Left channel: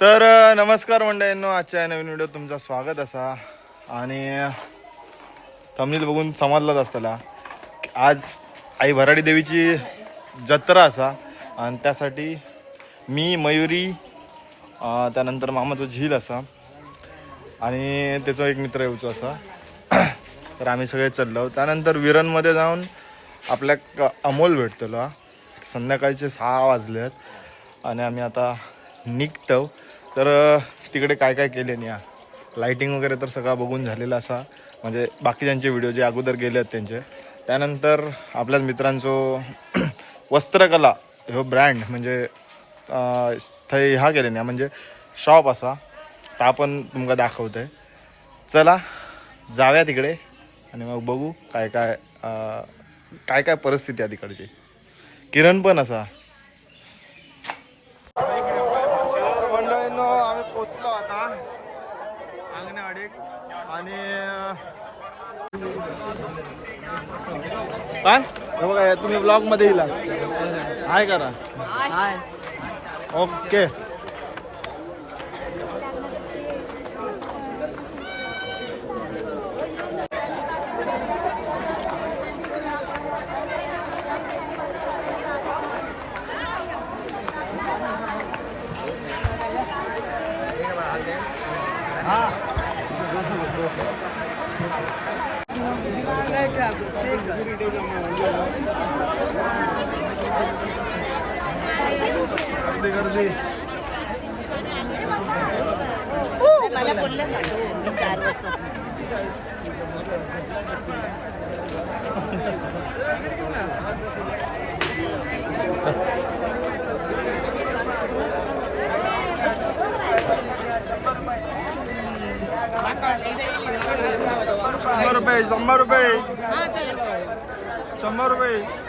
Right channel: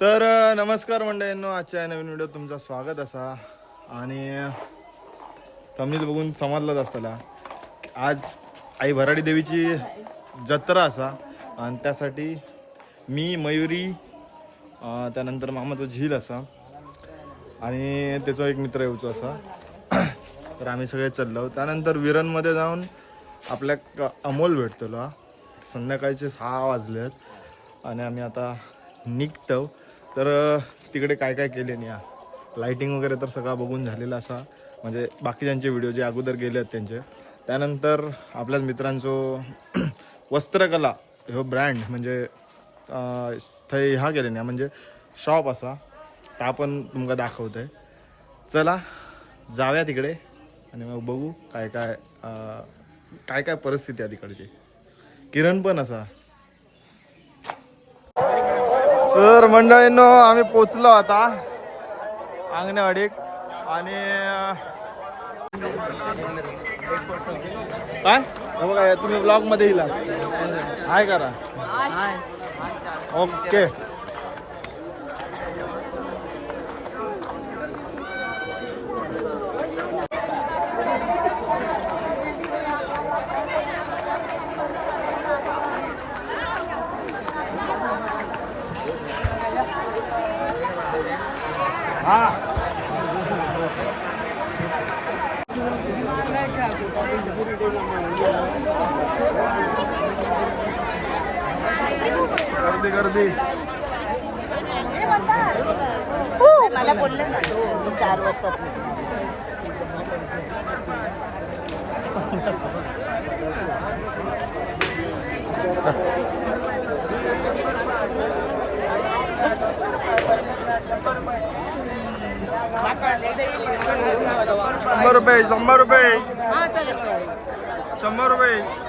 तर नमस्कार मंडळींनो आजच्या नवीन व्हिडिओ तुमचं स्वागत असा. आणि तमिळ बघून समजलाच असताना की आज आई भराडी देवीची जत्रा असा. आणि त्यासाठी मी मयुरी त्यानंतर मामा तो झील असा. आणि त्याचा एक मित्र येऊचो असा. तर आम्ही सगळे चाललो. त्यानंतर विरणमध्ये जाऊन आपल्या क- अमोल भेटतलो. संध्याकाळचे सहा वाजले आहेत आणि आम्ही आता निघतो. तर तिकडे काय काय केले नाही लाईटिंग वगैरे तर सगळा बघून झालेला असा. म्हणजे बाकीच्यांचे व्हिडिओ जे अगोदर गेले आहेत त्यांचे. त्यानंतर आपल्याच मित्रांचो वस्त्रकला ह्यो ब्रँड म्हणजे थंय ह्या गेले नाही म्हणजे शॉप असा. तर आपण तुमका दाखवतोय. चला जाव्या तिकडे आणि मग बघू काय काय काय काय परिस्थिती आहे तिकडची. किरण पण असा. तर मंडळींनो आम्ही पोचलो आता अंगणवाडीत आणि काय? हे बघा तुम्ही ब्लॉगमध्ये येईल हाय करा ओके. गर्दी गर्दी. मला बोलले ना तो मी चार वाजता शंभर रुपये शंभर रुपये. हा शंभर रुपये.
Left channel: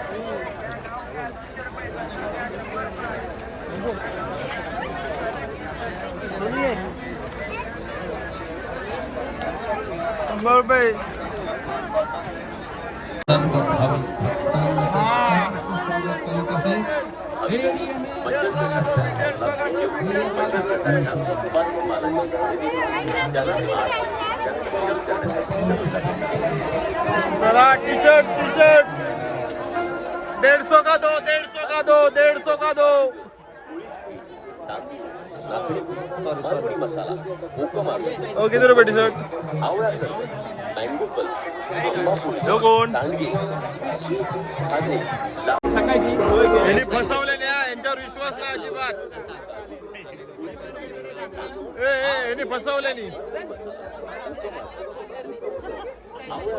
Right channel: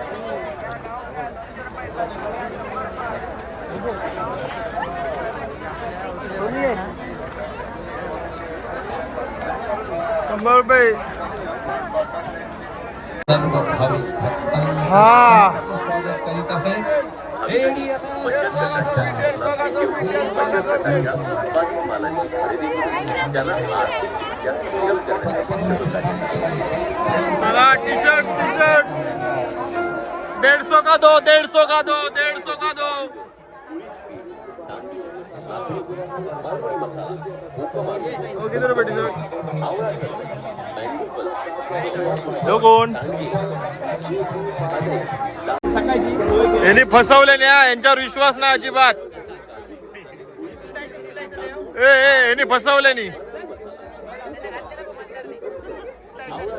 शंभर रुपये हा। चला टी शर्ट टी शर्ट डेढ़ सौ का दो डेढ़ सौ का दो डेढ़ सौ का दो। ओ किती रुपये टी शर्ट जो कोण? यांनी फसवले ना यांच्यावर विश्वास नाही अजिबात. ए ए यांनी फसवले नाही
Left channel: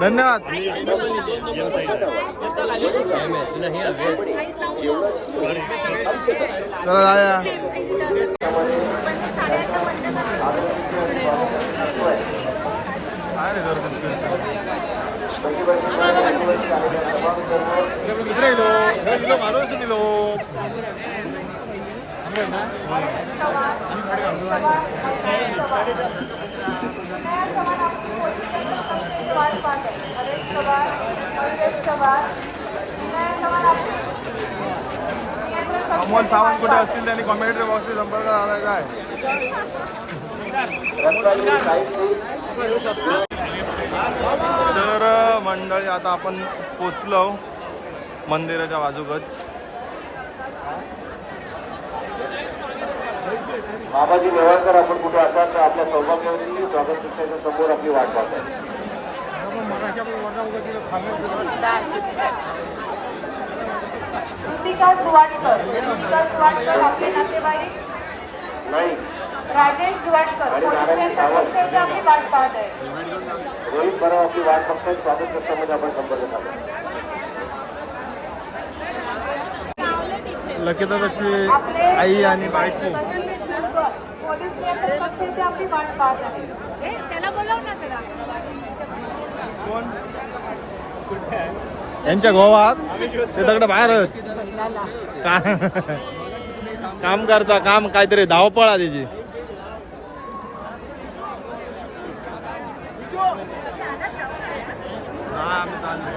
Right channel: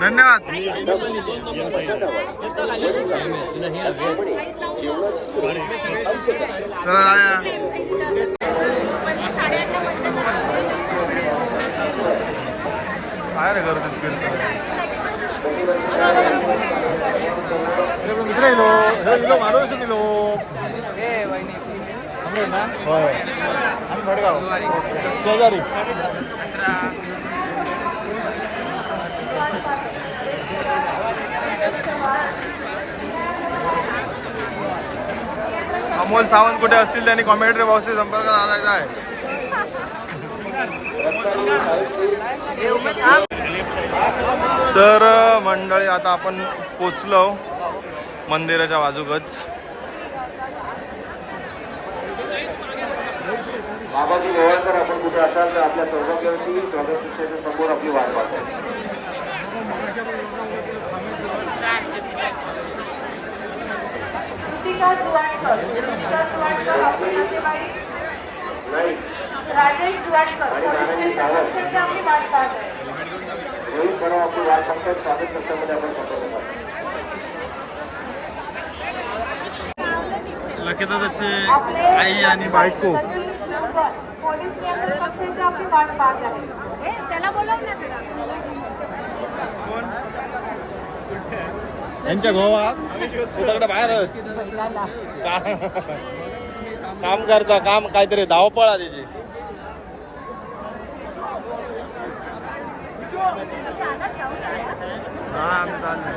धन्यवाद. चला जाया काय रे गर्दीत फिरतो मित्र येलो. दिलो माणूस दिलो अमोल सावंत कुठे असतील? त्यांनी कॉमेंट्री बॉक्सशी संपर्क साधायचा आहे. तर मंडळी आता आपण पोचलो मंदिराच्या बाजूकच. बाबाजी नेवाळकर आपण कुठे असाल तर आपल्या चौदा स्वागत शिक्षाच्या समोर आपली वाट पाहतो कृतिका सुवाटकर कृतिका सुवाटकर आपले नातेवाईक राजेश सुवाटकर वाट पाहत आहे रोहित परब आपली वाट स्वागत कक्षामध्ये आपण संपर्क आई आणि बायको. त्याला बोलव ना कोण? यांच्या गोवात ते सगळं बाहेर काम करता काम काहीतरी धावपळ आहे त्याची हा आम्ही चाललोय.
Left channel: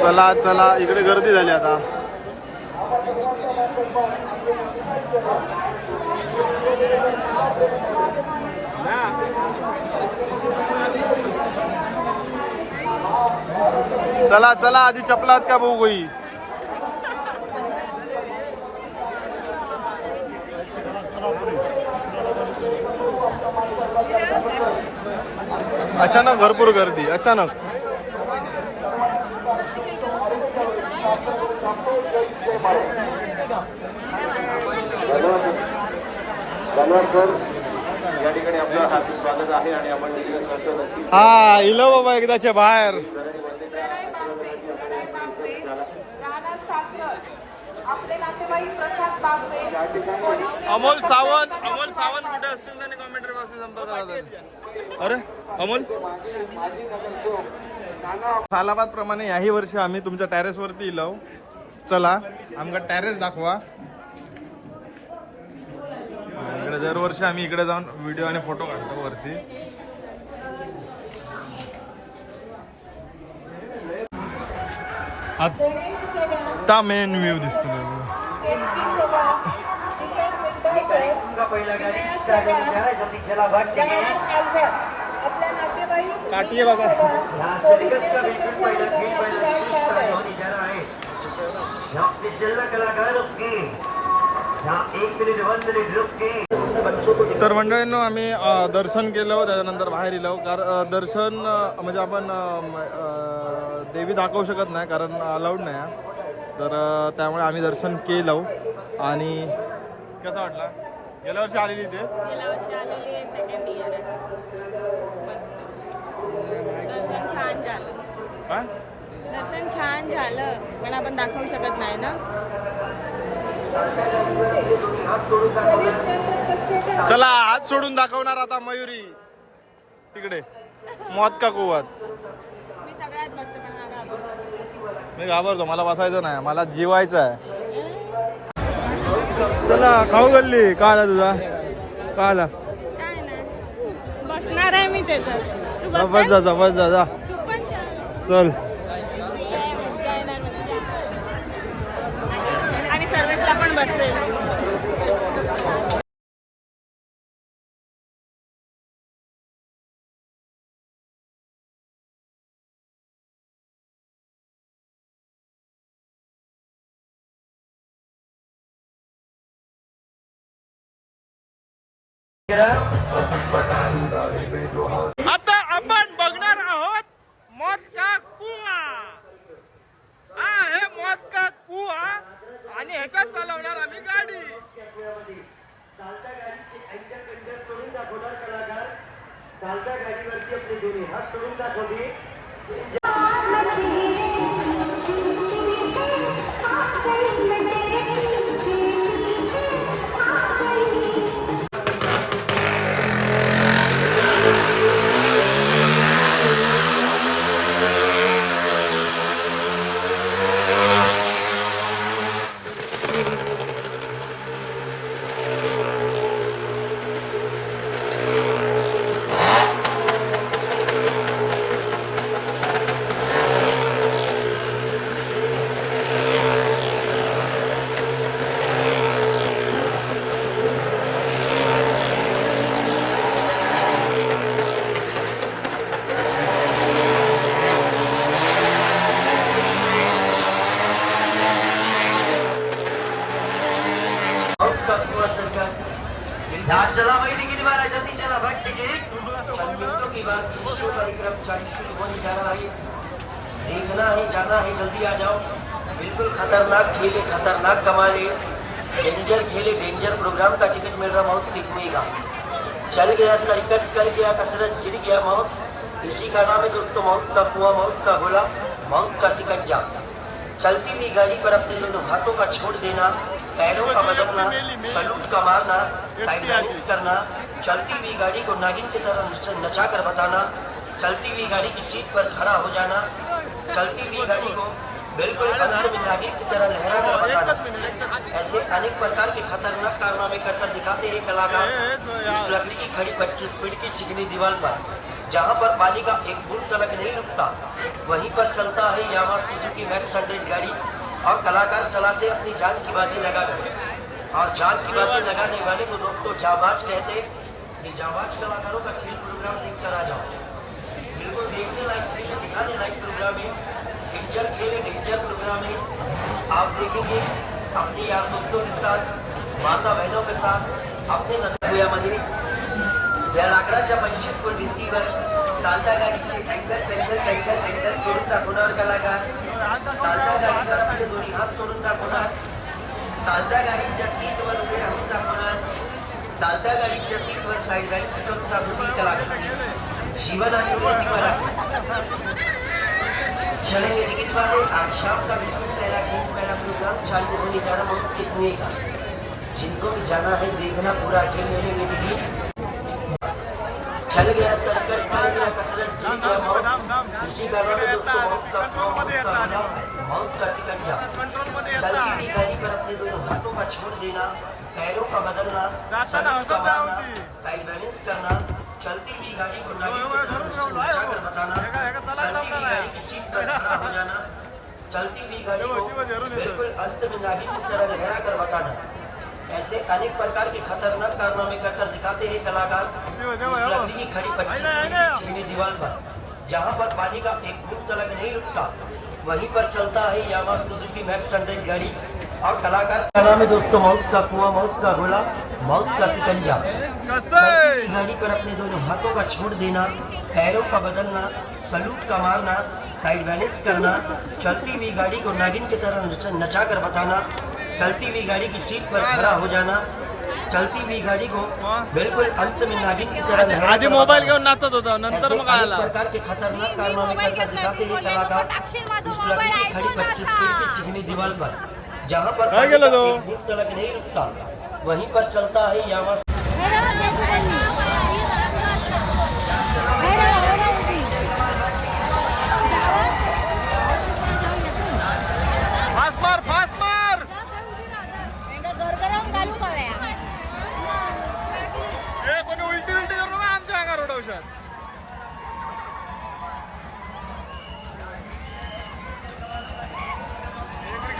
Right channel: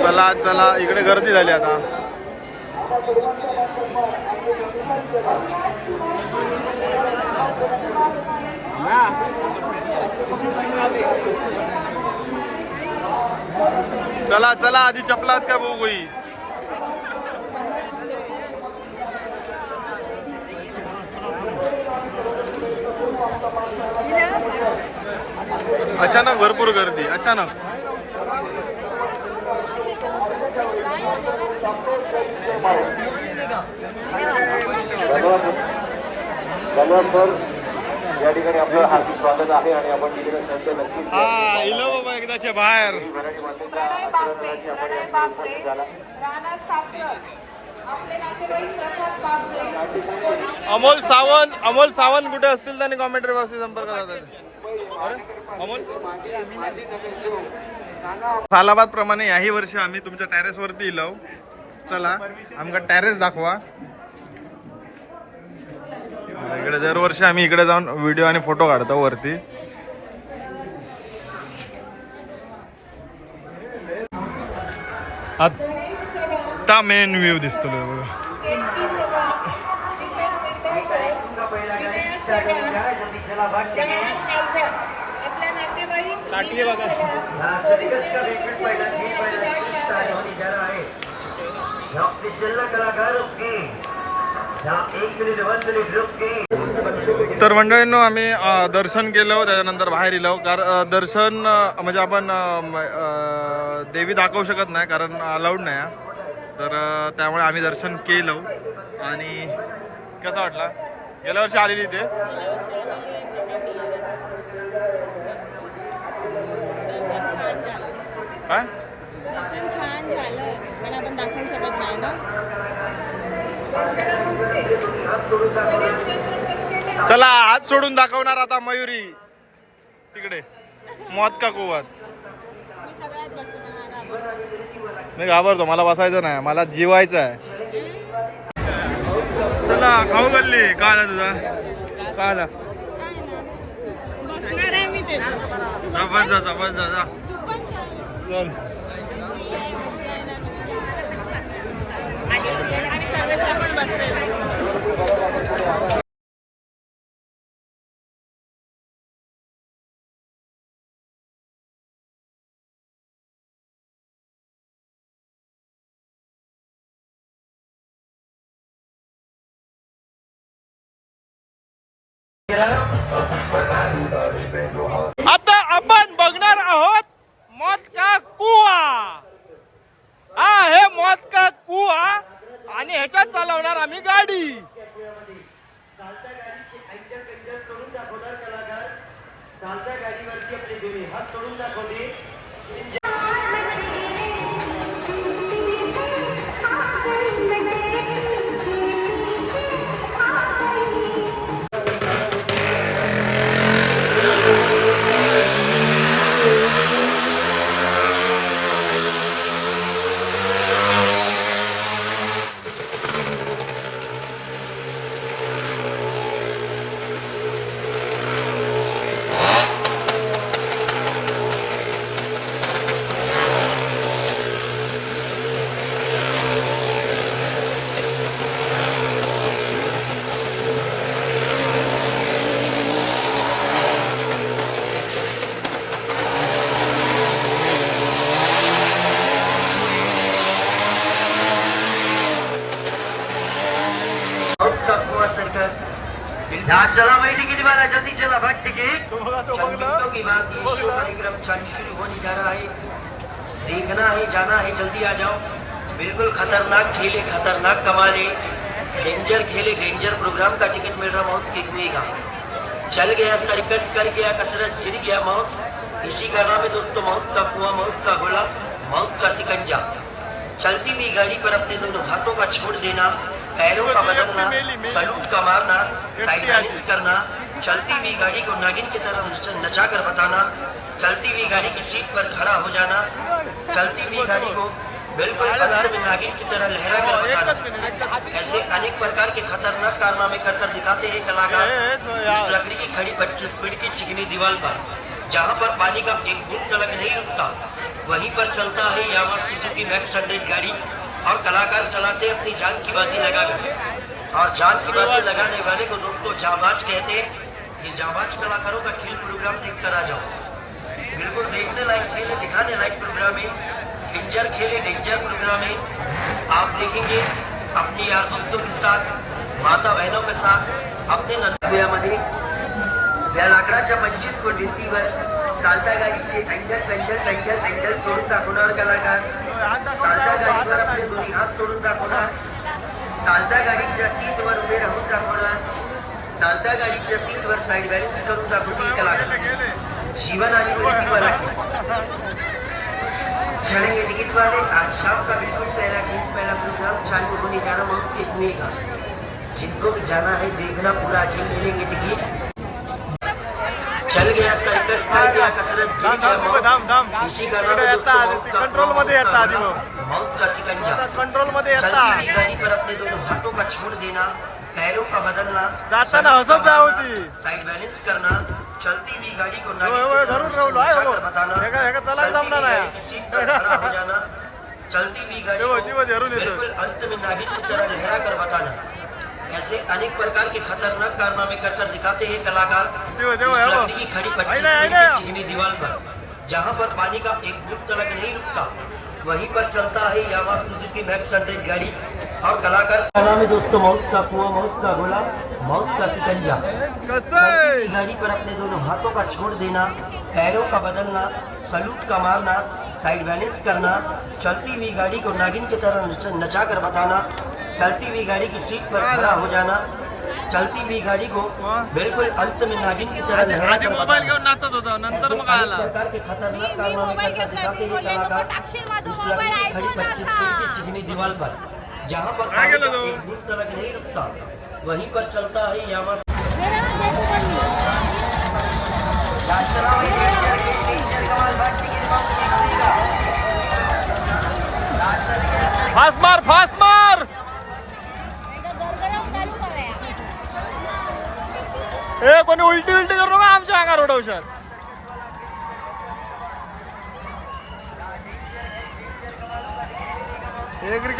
चला चला इकडे गर्दी झाली आता. चला चला आधी चपलात का बघू गोई अचानक भरपूर गर्दी अचानक या ठिकाणी आपलं हार्दिक स्वागत आहे आणि आपण विजय करतो नक्की हा इलो बाबा एकदाच्या बाहेर. अमोल सावंत अमोल सावंत कुठे असतील त्यांनी कॉमेंट्री बॉक्सशी संपर्क साधा अरे अमोल? सालाबाद प्रमाणे याही वर्षी आम्ही तुमच्या टेरेस वरती इलो. चला आमका टेरेस दाखवा. इकडे दरवर्षी आम्ही इकडे जाऊन व्हिडिओ आणि फोटो काढतो वरती. आता मेन व्ह्यू दिसतो बघा. काठी बघा. तर मंडळींनो आम्ही दर्शन केलं त्याच्यानंतर बाहेर इलो कारण दर्शन म्हणजे आपण देवी दाखवू शकत नाही कारण अलाउड नाही. तर त्यामुळे आम्ही दर्शन केलं. आणि कसा वाटला? गेल्या वर्षी आलेली झालं. काय? दर्शन छान झालं पण आपण दाखवू शकत नाही ना? चला हात सोडून दाखवणार आता मयुरी. तिकडे. मौत का कुवात? मी घाबरतो. मला बसायचं नाही मला जिवायचं आहे. चला खाऊ गल्ली. का आला तुझा? का आला? बस जा बस जा चल. आता आपण बघणार आहोत मौत का कुवा. हा हे मौत का कुवा आणि ह्याच्यात चालवणार आम्ही गाडी. या हात सोडून दाखवली देखना है जाना है जल्दी आ जाओ बिल्कुल खतरनाक खेले खतरनाक कमाले डेंजर खेले डेंजर प्रोग्राम का टिकट मिल रहा मौत की हुएगा चल गया सर्कस कर गया कसरत गिर गया मौत इसी का नाम है दोस्तों मौत का कुआ मौत का गोला मौत का सिकंजा चलती हुई गाड़ी पर अपने दोनों हाथों का छोड़ देना पैरों का बदलना सलूट का मारना साइड करना चलती हुई गाड़ी को नागिन की तरह नचा कर बताना चलती हुई गाड़ी की सीट पर खड़ा हो जाना चलती हुई गाड़ी को बिल्कुल नागिन की तरह लहरा कर बताना। ऐसे अनेक प्रकार के खतरनाक कारनामे कर कर दिखाते हैं कलाकार। लकड़ी की खड़ी पच्चीस फीट की चिकनी दीवार पर जहाँ पर पानी का एक बूंद तलक नहीं रुकता वहीं पर चलता है यामा सुजुकी मैक्स हंड्रेड गाड़ी। और कलाकार चलाते अपनी जान की बाजी लगा कर और जान की बाजी लगाने वाले को दोस्तों जाबाज कहते हैं ये जाबाज कलाकारों का खेल प्रोग्राम देख कर आ जाओ। बिल्कुल देखने लायक सही दिखाने लायक प्रोग्राम है। डेंजर खेले डेंजर प्रोग्राम है। आप देखेंगे, अपने यार दोस्तों के साथ, माता बहनों के साथ, अपने नंदुयामध्ये या लाकडाच्या पंचवीस फूट भिंतीवर चालता गाडीचे अँगल पेंगल पेंगल अँगल सोडून दाखवणार कलाकार। चालत्या गाडीवर आपले दोन्ही हात सोडून दाखवणार चालत्या गाडीच्या सीटवर उभे राहून दाखवणार चालत्या गाडीच्या सीटवर साईड बॅलन्स करून दाखवतील कलाकार। जीवन आणि मृत्यूवर आहे चले टिकट वाले आज शाम का बिल्कुल पहला गीत पहला प्रोग्राम चालू होने जा रहा बहुत कितने का जिनको भी जाना है देखना पूरा खेल मिलेंगे टिकट। कंट्रोलमध्ये येता कंट्रोलमध्ये येता चलती हुई गाड़ी पर अपने दोनों हाथों का छोड़ देना पैरों का बदलना। जाताना हसत जाऊ मारना, ती. साइड बैलेंस करना चलती हुई गाड़ी को होय, होय, धरून राहुलो, आहे, हो. एका- चलायला जमणार नाही. चलती हुई गाड़ी को अंत में नागिन की तरह लहरा कर बताना। ऐसे अनेक प्रकार के खतरनाक कारनामे कर कर दिखाते हैं कलाकार। की खड़ी चिकनी दीवार पर जहाँ पर पानी का एक बूंद तलक नहीं रुकता वहीं पर चलता है यामा सुजुकी मैक्स हंड्रेड गाड़ी। और कलाकार का नाम है दोस्तों? मौत का कुआ मौत का गोला मौत का सिकंजा। गाड़ी पर अपने दोनों हाथों का छोड़ देना पैरों का बदलना सलूट का मारना साइड बैलेंस करना चलती हुई गाड़ी को नागिन की तरह नचा कर बताना चलती हुई गाड़ी की सीट पर खड़ा हो जाना। चलती हुई गाड़ी को बिल्कुल अंत में नागिन की तरह आधी मोबाईल। घेऊन नाचत होता नंतर मग आला। प्रकार के खतरनाक कारनामे दिखाते कलाकार खड़ी पच्चीस. फीट की चिकनी दीवार पर जहाँ पर तलक नहीं रुकता वहीं पर चलता है यामा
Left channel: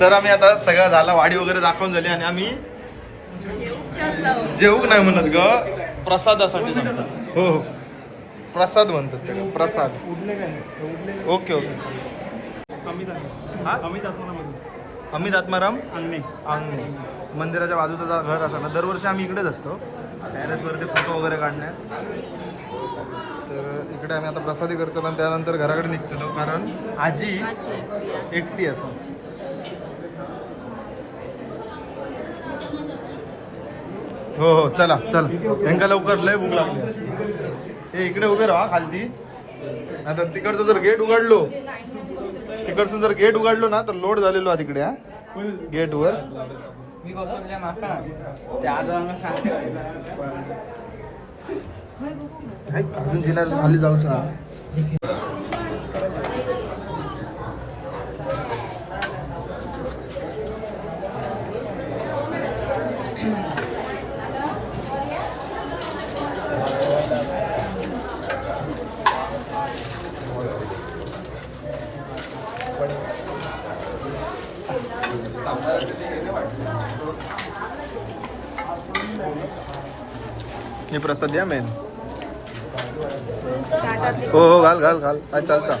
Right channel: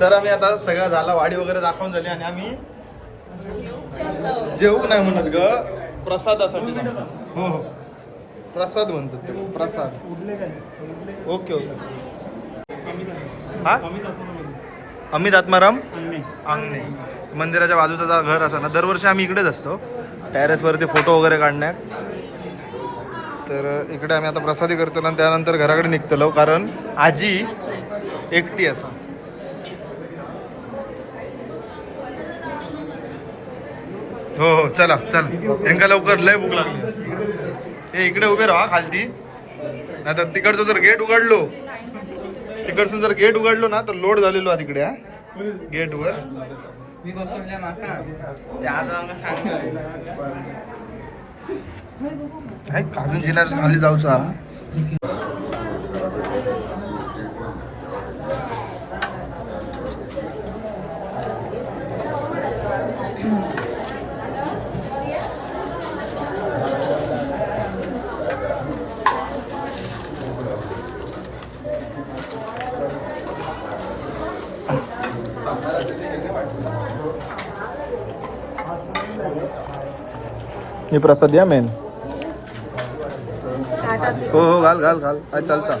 तर आम्ही आता सगळा झाला वाडी वगैरे दाखवून झाली आणि आम्ही जेवूक नाही म्हणत ग. प्रसादासाठी सांगतो. हो हो. प्रसाद म्हणतात त्याला प्रसाद. Okay okay. हा? अमित आत्माराम? अंगणे. मंदिराच्या बाजूचा घर असा ना दरवर्षी आम्ही इकडेच असतो. टेरेसवरती फोटो वगैरे काढण्यात. तर इकडे आम्ही आता प्रसादी करतो आणि त्यानंतर घराकडे निघतलो कारण आजी. एकटी असा. हो हो चला चला. यांका लवकर लय भूक लागली. हे इकडे उभे राहा खालती. नाही तर तिकडचं जर गेट उघडलो तिकडचं जर गेट उघडलो ना तर लोड झालेलो हा तिकडे गेट गेटवर. अजून जिल्ह्यात खाली जाऊ हे प्रसाद या मेन हो हो घाल घाल घाल. काय चालता.